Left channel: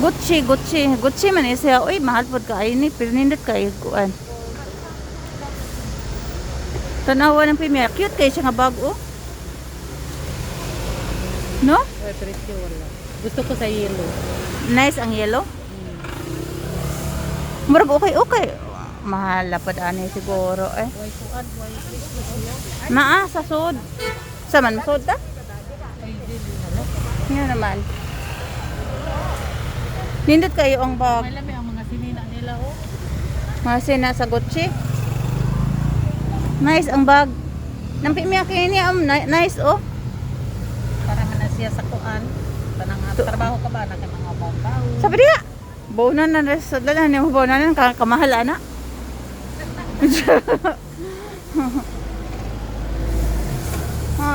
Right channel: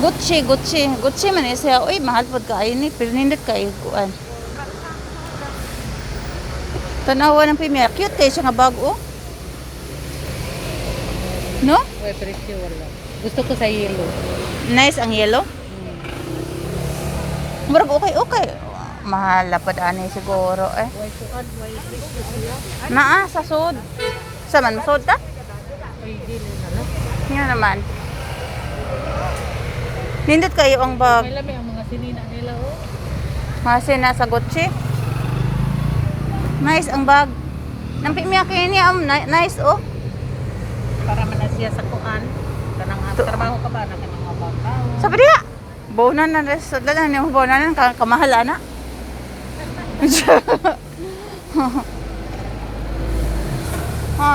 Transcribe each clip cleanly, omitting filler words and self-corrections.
Gucci man siya. Uy, mahal po kayo ni. Pero nindot kayo kuan. Tanawa ng pimya. Cute kayo siya nga bago. No? Uy, presyo wala. Gusto ko sa yellow. Nice ang yellow. Murag okay. Mahal pa ani siguro eh. Why suad? Why presyo siya? Naa sa sud. Sa man sud ta? Ay, dili na lang. Nga naman. Nindot kayo ang bag. May lami ang mga sinina nila, oh. Kasi nasa Gucci. Nice ang bag. Nampi miya kayo niya. Nice oh. Para man na siya sa kuan. Kanang trabaho ka ba na kanang abang. Sabi diya. Bonan na sa dalan yung bonan na kamahal ana.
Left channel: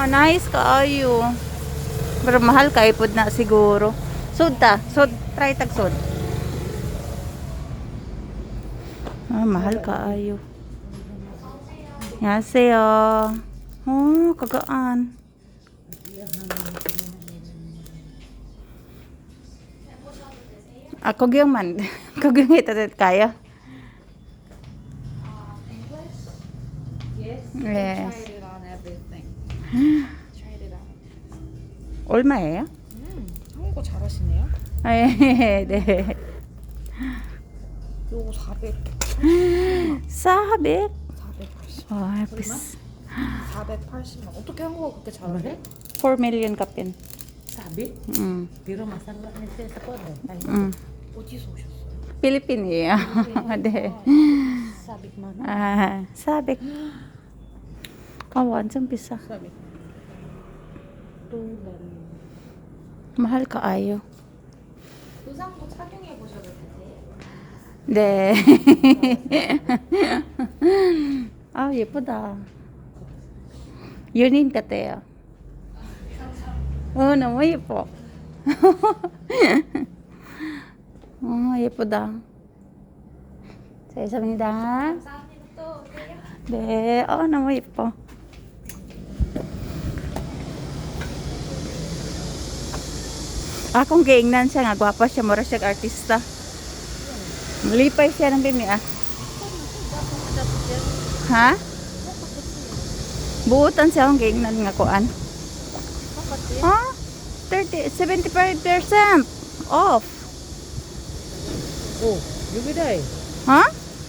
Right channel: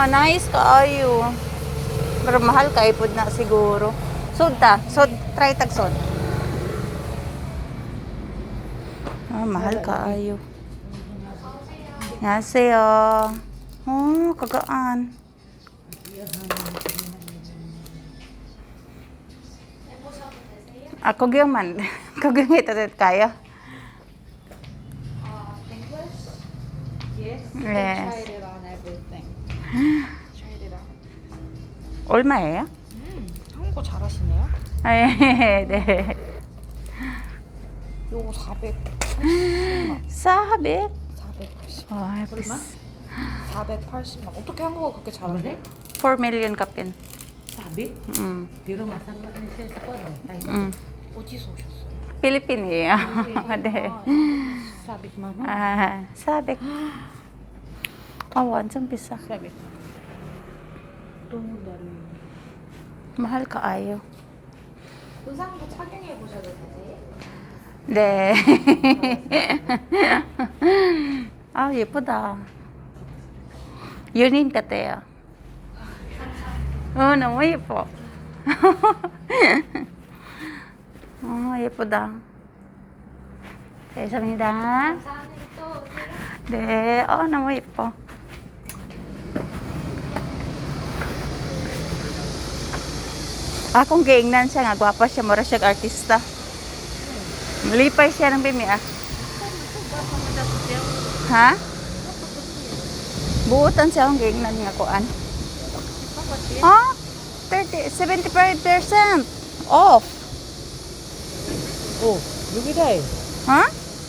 Nice kaayo. Pero mahal kay pud na siguro. Sud ta, sud try tag sud. Mahal kaayo. Yase kagaan. Ako gyud man. Kaging itatet kaya. Yes. Yes. Tried it on everything. Tried it on. 얼마예요? 한국어 잘하시네요. 네. 요거 400. 사백. 480. 와, 얼마? 480만. 어떻게 한국어 그렇게 잘하네? 4 million kapin. 사비? 비로 마산가 했을 거네. 어디서 오셨어요? 필리핀이에요. 네. 사비만 원? 사백. 완전 비싸. 사비. 또 mahal kaayo. 의상도 착용해 보셔도 되세요? 네. 예쁘다. 연인 같아요. 너무 예뻐. 예쁘다. 감사합니다. 네, 너무 예뻐. Akong giingnan siya nga, gwapa siya, mura siya artista. Malipay siya ng bimi Ha? Buutan siya akong giingnan nga kuan. 75% off. Oh, bumida eh. Ha?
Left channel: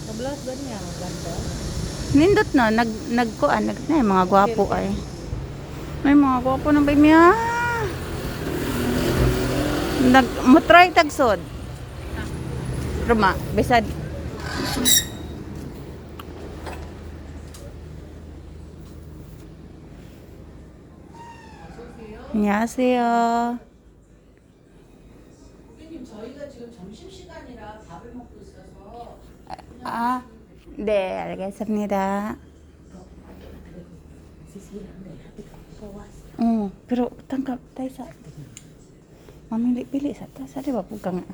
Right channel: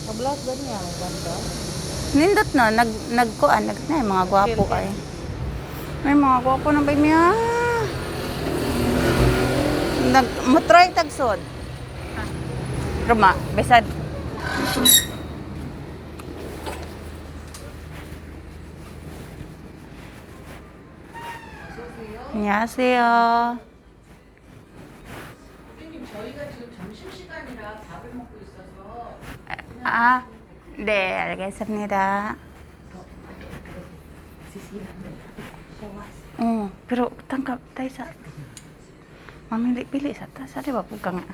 Mablas ba niya? Ganda. Nindot no, nagkuan, na mga gwapo ay. May mga gwapo ng bimi Mutry tagsod. Roma, besad. 안녕하세요. 저희가 지금 점심시간이라 밥을 먹고 있어서. 네, 알겠습니다. pero tangkap tayo sa mamili-pili sa ta sa diba pugka nga.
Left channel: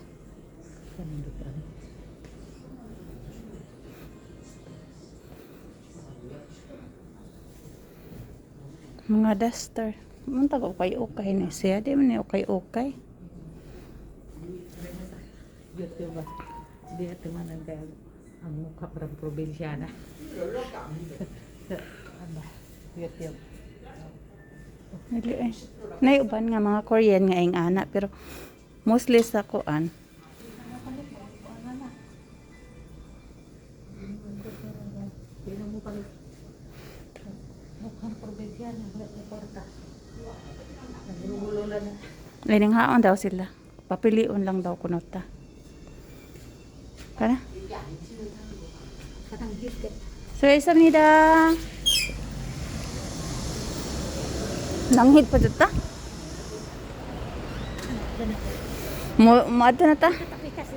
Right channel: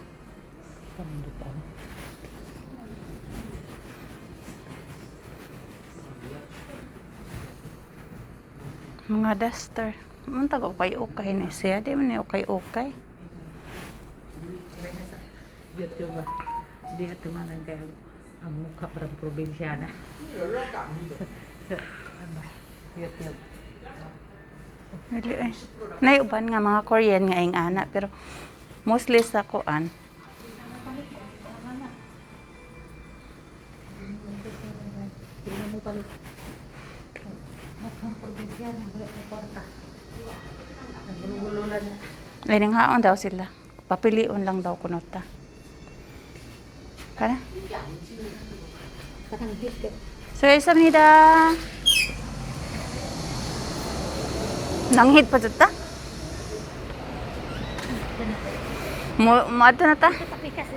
Mga duster. Munta ko ukay na siya. Di man ukay. Dia tumanan kayak ang mukha parang probinsyana. Lihat. Dili ay. Naiuban nga mga Korean nga ing ana pero mostly sa kuan. Ay nanghaon daw sila. Papiliun lang daw kunot ta. Kana? 수고하셨습니다. Nanghit pa dito ta? Mato na ta? Pikas.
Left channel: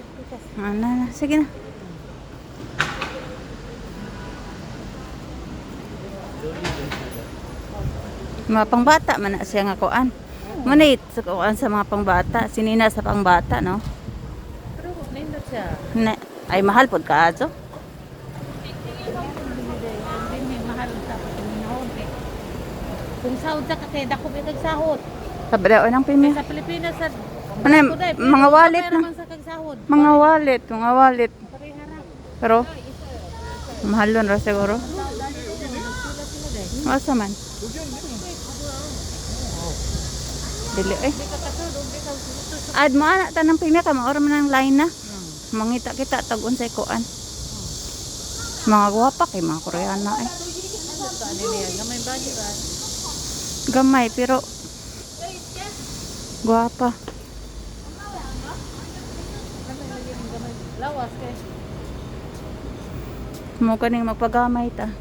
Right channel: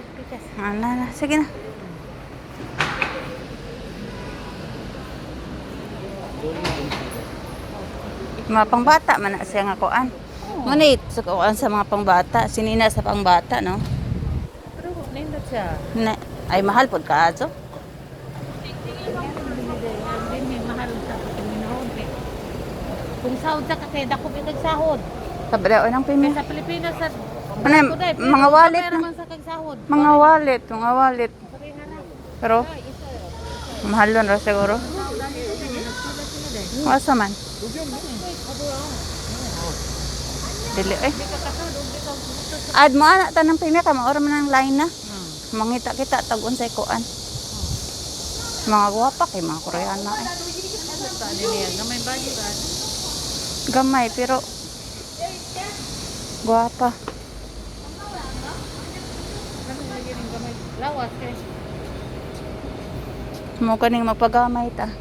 Sige na. Mga pangbata man na siya nga kuan. Manit sukuan sa mga pangbata, sinina sa pangbata, no? Pero nindot siya. Ay mahal pud kaayo. Mahal sa Pilipinas. Kung sahod ka kasi dako bitag sahod. Sa badaw ng Pilipinas. Sa Pilipinas sa Ano yun? Mga wallet na. Naman sa kagsahod. Mga wallet. Pero, mahal yun ra siguro. Masa man? Dili eh. Ad mo anak tanang pinaka maoro man ang line na. Mangita kita tag unsay kuan. Mga gwapa kay mga Koreano eh. Gamay bagi ka. Gamay pero gwapa. Gamay lagi ning gamay. Lawas kay. Mo kaning magpagamay ta.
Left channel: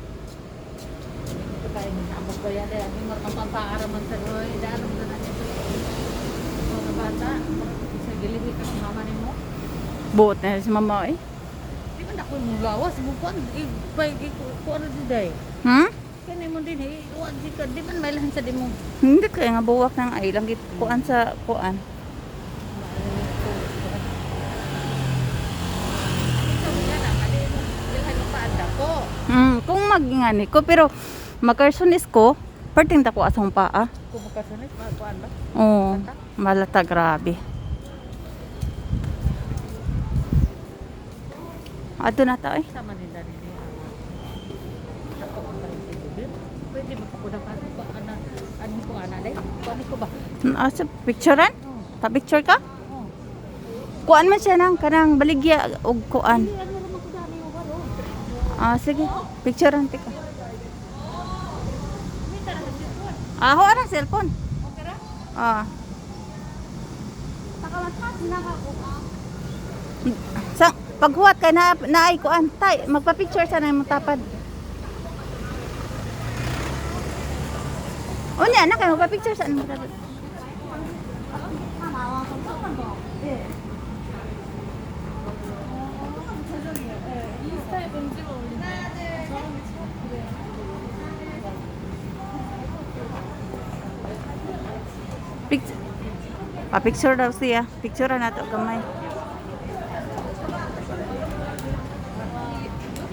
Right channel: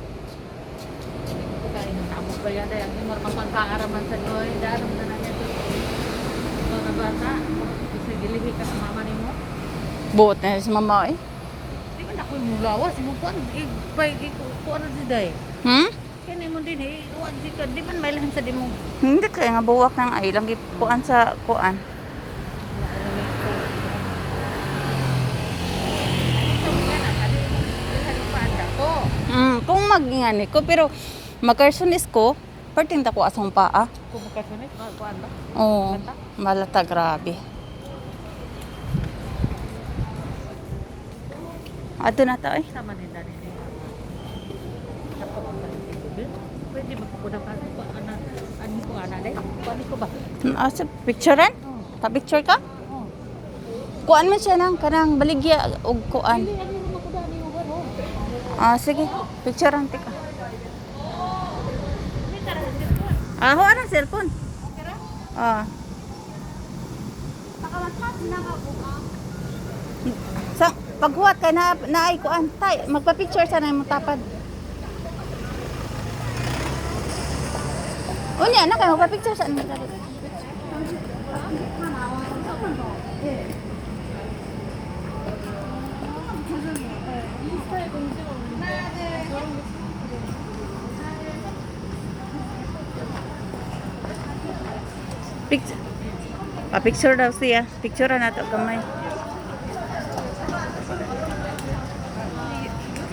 Kain ng tabok ba yan? Ang mga magpapaaraman sa doy. Daram na na nito. Ito na bata. Nagilibi ka sa mama ni mo. Buot na sa mama eh. Di ba naku yung lawas? Mo kuan. Kuan na di day. Kaya mo din eh. Di man may lahan sa di mo. Hindi kay nga buwak ng ay lang kuan sa kuan. Kung magingani ko pero magkarsunis ko, perting ta ko asong paa. Kung magkasunis, kuan ba? Oo, malata grabe. Ato na ta eh. Sama ni Dani. Ako ang balik sa bibig. Pwede ba ko na ano ko ana day? Paano ko ba? Asa picturean? Oh. Pa-picture ka? Oh. Kuan man siya nang kanang baligya og kuan. Sige, picturean tika. Aho ana cellphone. Sa paghuwat kay na naay kuan tay magpa-picture sana imong tapad. Unya na kay magpa-picture sa imong tapad. Pa-picture daw siya. Picture na to gamay.